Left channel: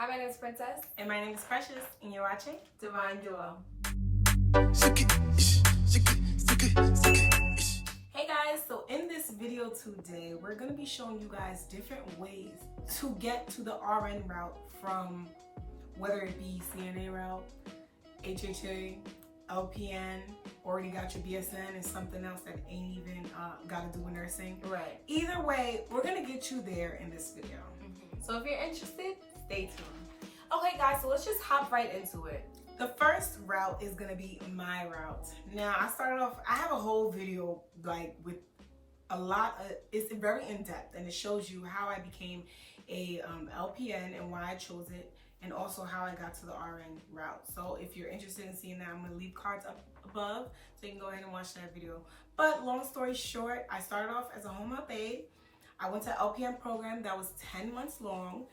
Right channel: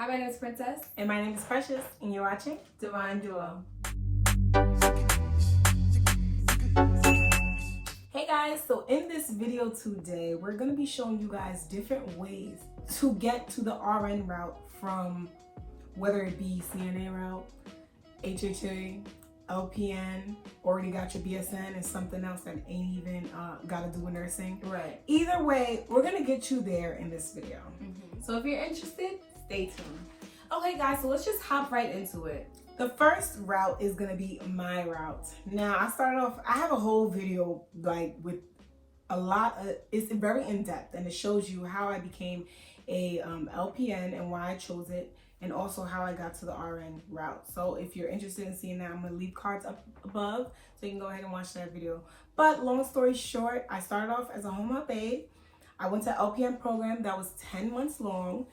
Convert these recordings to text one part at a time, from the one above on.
Hi, my name is Princess. And my name is Precious, and you're watching Divine Duo. Hey guys, so in this video today, we're going to be showing you guys different ways to get to the RN route from whether it be CNA route, HHA, LPN, already got your BSN, and something else that ain't even got to do with nursing. Right. Either way, we're going to get you there in this video. So if you're interested, stay tuned. Okay guys, so let's just hop right into it. The first route is gonna be my route. Now I have a whole video like with a lot of, it's very in-depth and it shows you how I became a LPN and why I chose it, and also how I got to the RN route. So if you're interested in seeing that, I'm gonna leave cards up above so you can go ahead and watch that video. But long story short, I started off as a home health aide. I went to LPN program that was 10 months long.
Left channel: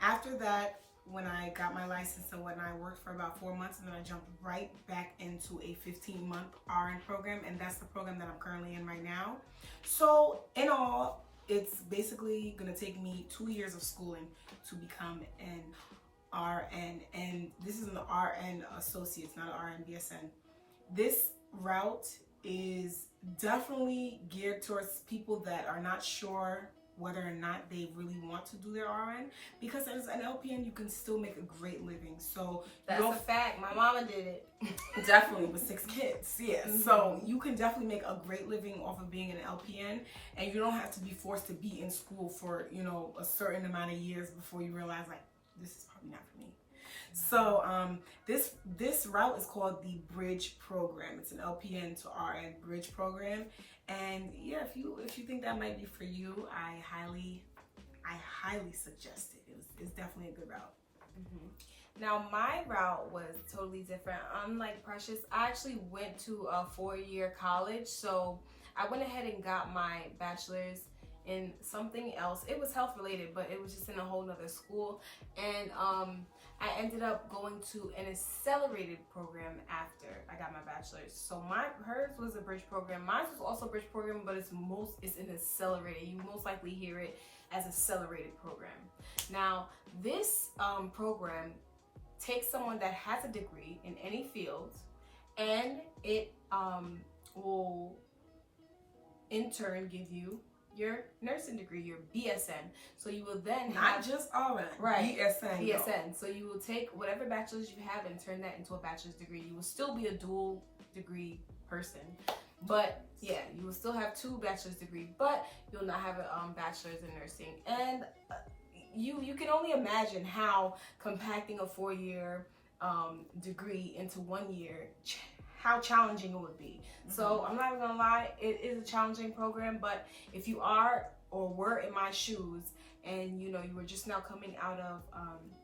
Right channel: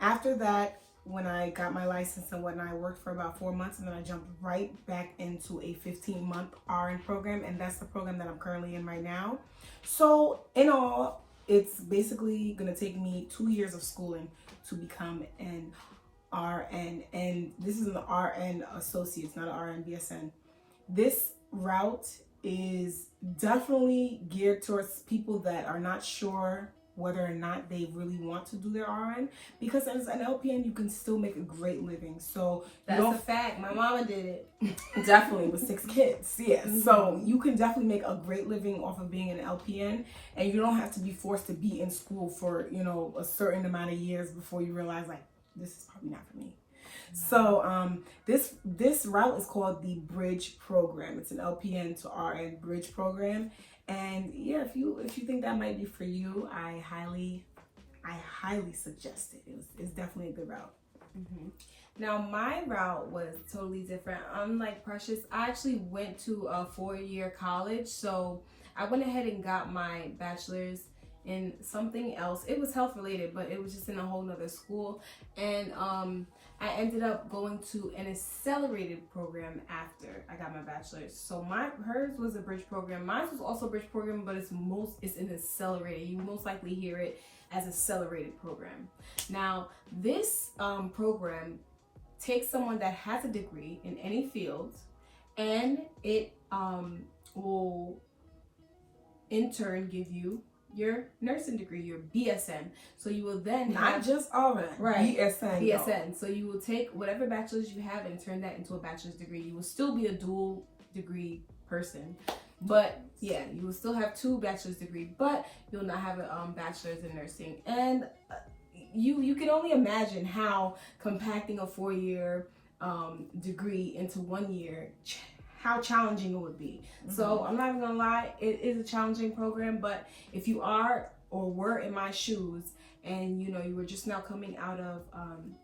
After that, when I got my license and whatnot, I worked for about 4 months, and then I jumped right back into a 15-month RN program, and that's the program that I'm currently in right now. So in all, it's basically gonna take me 2 years of schooling to become an RN, and this is an RN associate, not an RN BSN. This route is definitely geared towards people that are not sure whether or not they really want to do their RN, because as an LPN you can still make a great living. So That's a fact. My mama did it. Definitely with 6 kids. Yes. So you can definitely make a great living off of being an LPN, and you don't have to be forced to be in school for, you know, a certain amount of years before you realize like this is probably not for me. So this route is called the Bridge Program. It's an LPN to RN Bridge Program. And yeah, if you think that might be for you, I highly suggest it. It's definitely a good route. Now my route was totally different. Unlike Precious, I actually went to a 4-year college. So I went ahead and got my bachelor's in something else. It was health related, but it was just in a whole nother school. And I ended up going to an accelerated program after I got my bachelor's. So hers was a bridge program. Mine was also a bridge program, but it's an accelerated. You most likely hear it as accelerated program. Now this program takes someone that has a degree in any field, and it will in turn give you your nursing degree, your BSN. So you will then not just RN, right, BSN. BSN. So you will take whatever bachelor's you have and turn that into a bachelor's degree. You will still be a dual degree person, but yeah, you will still have 2 bachelor's degree, but you'll not have a bachelor's in nursing. And you can only imagine how compacting a 4-year degree into 1 year, how challenging it would be. So I'm not even gonna lie, it is a challenging program, but if you are or were in my shoes and you know you were just now coming out of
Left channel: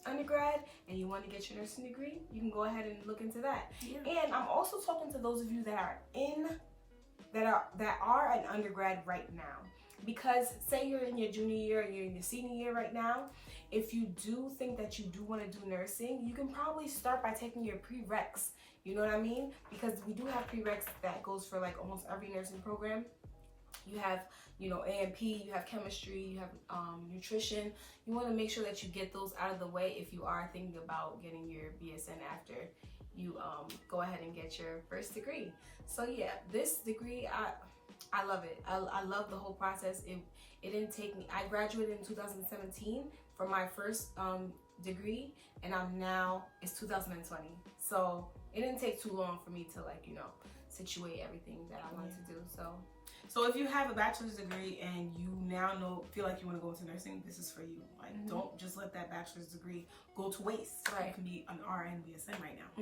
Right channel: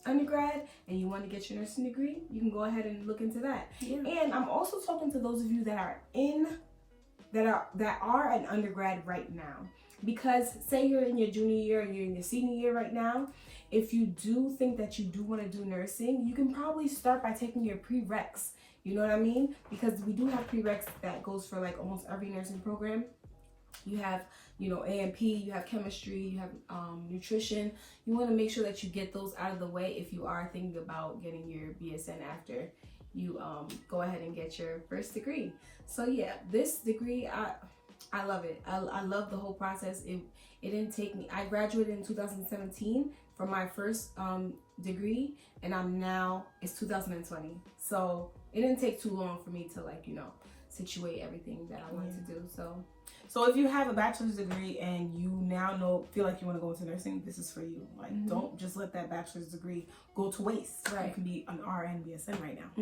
undergrad and you want to get your nursing degree, you can go ahead and look into that. And I'm also talking to those of you that are an undergrad right now, because say you're in your junior year and you're in your senior year right now. If you do think that you do want to do nursing, you can probably start by taking your prereqs. You know what I mean? Because we do have prereqs that goes for like almost every nursing program. You have, you know, A&P, you have chemistry, you have nutrition. You want to make sure that you get those out of the way if you are thinking about getting your BSN after you go ahead and get your first degree. So yeah, this degree, I love it. I love the whole process. It didn't take me, I graduated in 2017 from my first degree, and it's 2020. So it didn't take too long for me to, like, you know, situate everything that I wanted to do. So if you have a bachelor's degree and you now feel like you want to go into nursing, this is for you. Like, don't just let that bachelor's degree go to waste. Right. You can be an RN BSN right now.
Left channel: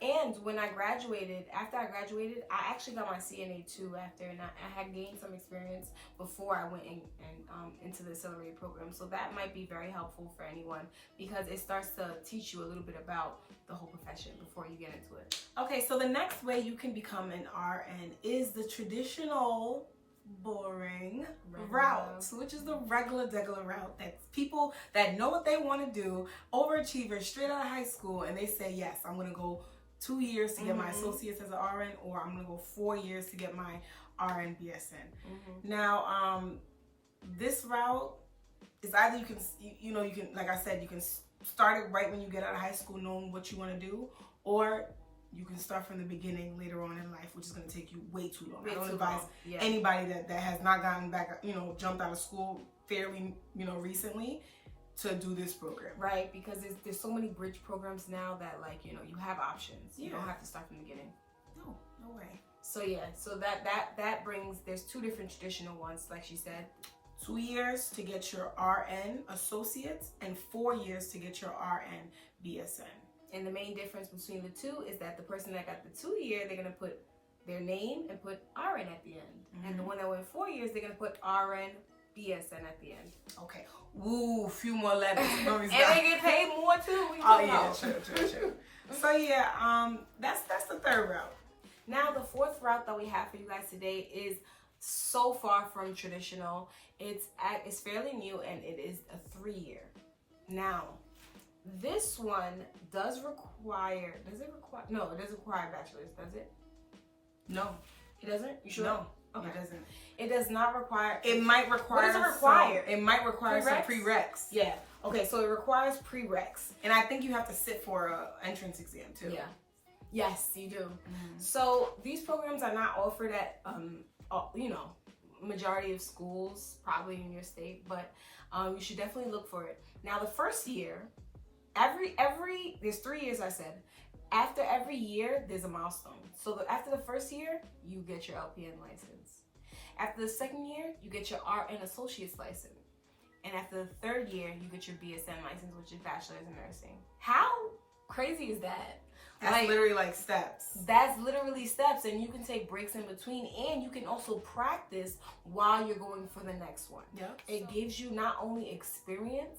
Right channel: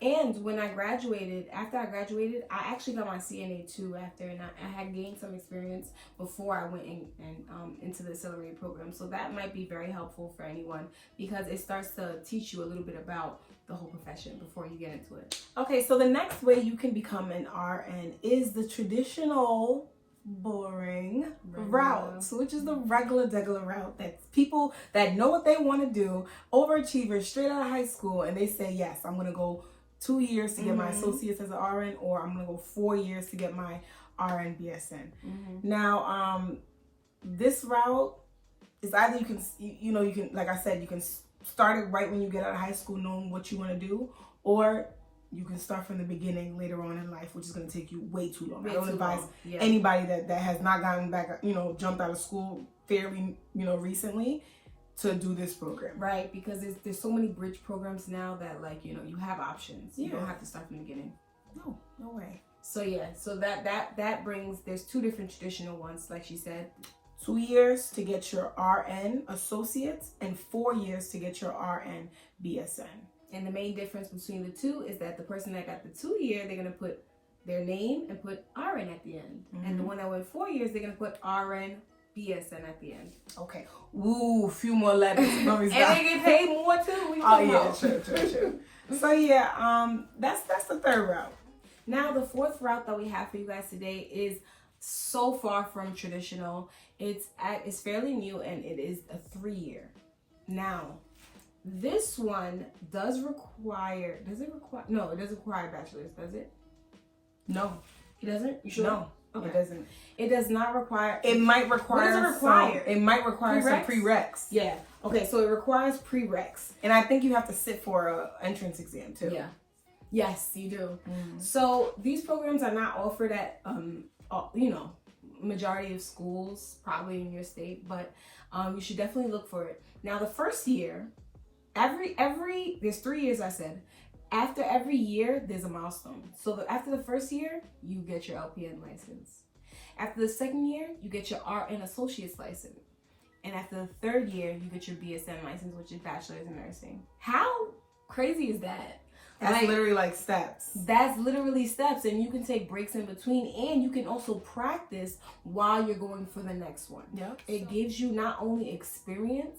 And when after I graduated, I actually got my CNA too after, and I had gained some experience before I went into the accelerated program. So that might be very helpful for anyone, because it starts to teach you a little bit about the whole profession before you get into it. Okay, so the next way you can become an RN is the traditional boring route, which is the regular route that people that know what they want to do, overachievers straight out of high school, and they say, yes, I'm going to go 2 years to get my associates as an RN, or I'm going to go 4 years to get my RN BSN. Now, this route is either you can, like I said, you can start it right when you get out of high school, knowing what you want to do, or you can start from the beginning later on in life, which is going to take you way too long. I don't advise anybody that has not gotten back, jumped out of school fairly, recently, to do this program. Right, because there's so many bridge programs now that, like, you have options. You don't have to start from the beginning. No way. So yeah, so that brings, there's 2 different traditional ones, like she said. 2 years to get your RN associates and 4 years to get your RN BSN. And the main difference between the 2 is that the person that got the 2 year, they're going to put their name and put RN at the end. And the one that went 4 years, they're going to put RN BSN at the end. Okay. Ooh, a few more letters. And they get paid more too. True. So yeah, that's the 3rd route. Now the 4th route that we have for you guys today is so far from traditional. It's fairly new, and it is a 3-year. Now, this one does require, no, it doesn't require a bachelor's, does it? No. It doesn't? You sure? No, okay. It doesn't. It does not require. It might require. What does it require? It might require some prereqs. Yeah. Okay, so it requires prereqs. And I think you have to sit for an entrance exam too. Yeah. Yes, you do. So these programs are not offered at, majority of schools, probably in your state, but you should definitely look for it. Now, the first year, there's 3 years, I said. After every year, there's a milestone. So after the first year, you get your LPN license. After the 2nd year, you get your RN associate's license. And after the 3rd year, you get your BSN license, which is bachelor's in nursing. How crazy is that? That's literally like steps. That's literally steps, and you can take breaks in between, and you can also practice while you're going for the next one. Yep. It gives you not only experience,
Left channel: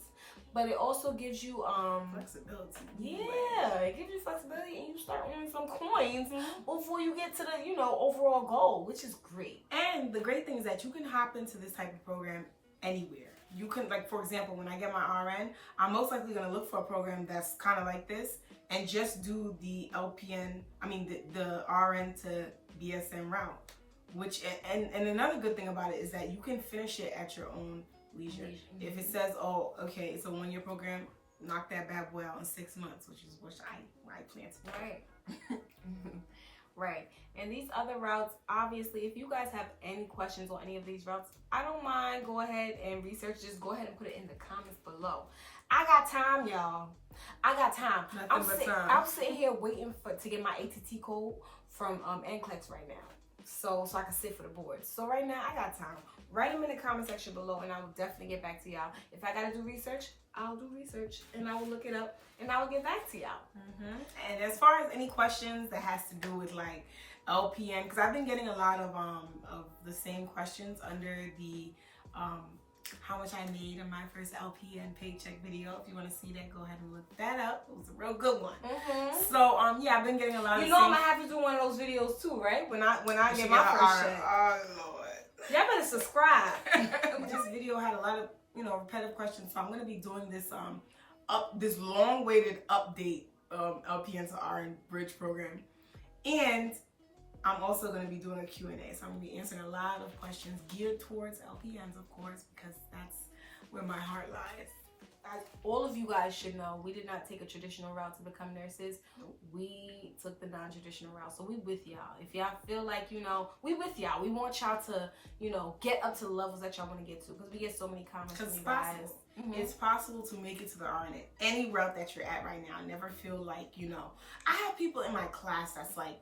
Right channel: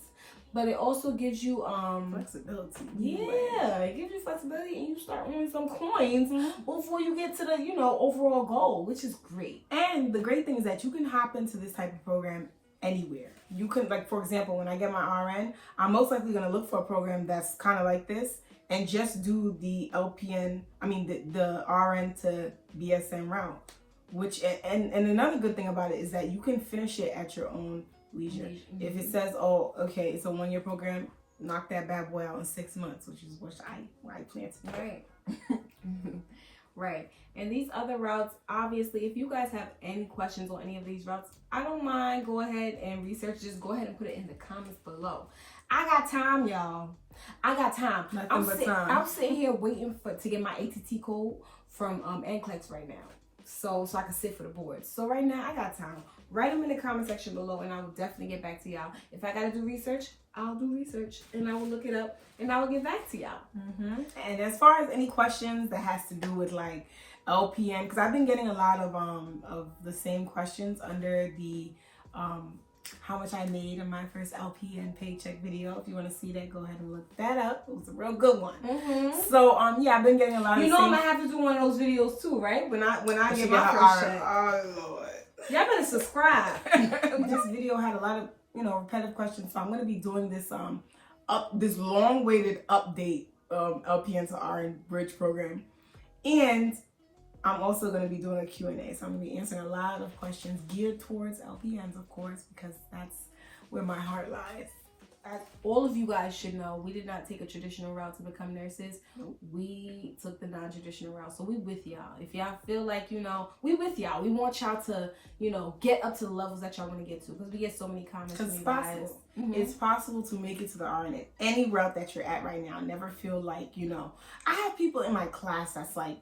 but it also gives you flexibility. Yeah, it gives you flexibility, and you start earning some coins before you get to the overall goal, which is great. And the great thing is that you can hop into this type of program anywhere. You can, like, for example, when I get my RN, I'm most likely going to look for a program that's kind of like this and just do the the RN to BSN route. Which, and another good thing about it is that you can finish it at your own leisure. If it says, oh, okay, it's a 1-year program, knock that bad boy out in 6 months, which is what I plan to do. Right. Right. And these other routes, obviously, if you guys have any questions on any of these routes, I don't mind. Go ahead and research. Just go ahead and put it in the comments below. I got time, y'all. I got time. I'm sitting here waiting to get my ATT code from NCLEX right now. So I can sit for the board. So right now, I got time. Write them in the comment section below, and I will definitely get back to y'all. If I gotta do research, I'll do research, and I will look it up, and I will get back to y'all. And as far as any questions that has to do with like LPN, because I've been getting a lot of the same questions under the how much I made in my first LPN paycheck video. If you want to see that, go ahead and look that up. It was a real good one. So yeah, I've been getting a lot of. I'm gonna have to do one of those videos too, right? When I get my first check. Oh Lord. Y'all better subscribe. This video had a lot of repetitive questions, so I'm gonna be doing this this long-awaited update LPN to RN bridge program, and I'm also gonna be doing a Q&A. So I'm gonna be answering a lot of questions geared towards LPNs, of course, because that's where my heart lies. As all of you guys should know, we did not take a traditional route to become nurses. We took the non-traditional route. So we with y'all. If y'all feel like, we with y'all. We want y'all to, get up to the levels that y'all want to get to. Because we get so many comments from you guys. It's possible to make it to the RN at any route that you're at right now. Never feel like, I have people in my class that's like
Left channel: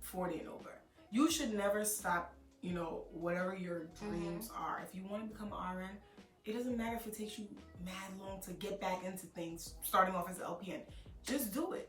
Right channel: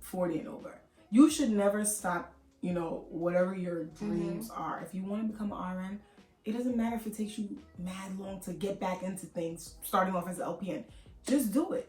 40 and over. You should never stop, whatever your dreams are. If you want to become an RN, it doesn't matter if it takes you mad long to get back into things, starting off as an LPN. Just do it.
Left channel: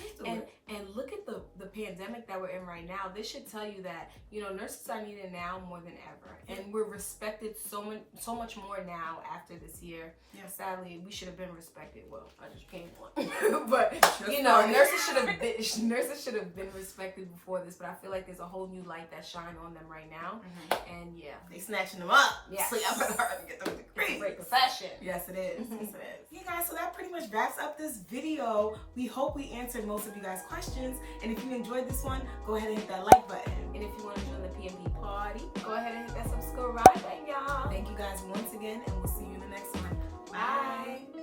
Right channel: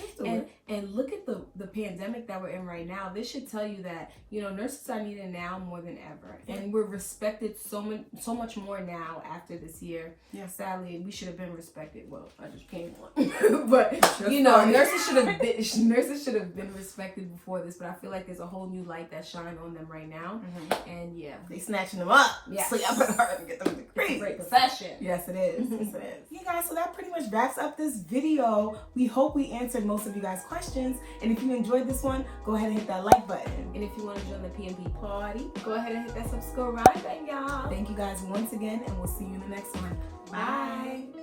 Just do it. And look at the pandemic that we're in right now. This should tell you that, nurses are needed now more than ever. And we're respected so much more now after this year. Yeah. Sadly, we should have been respected. Well, I just came on. But, nurses should have been respected before this. But I feel like there's a whole new light that's shining on them right now. And yeah. They snatching them up. Yes. So y'all better hurry and get them to crazy. Great profession. Yes, it is. Yes, it is. Yeah, guys, so that pretty much wraps up this video. We hope we answered most of you guys' questions. And if you enjoyed this one, go ahead and hit that like button. And if you want to join the PNP party, go ahead and hit that subscribe button, y'all. Thank you guys once again, and we'll see you in the next one. Bye.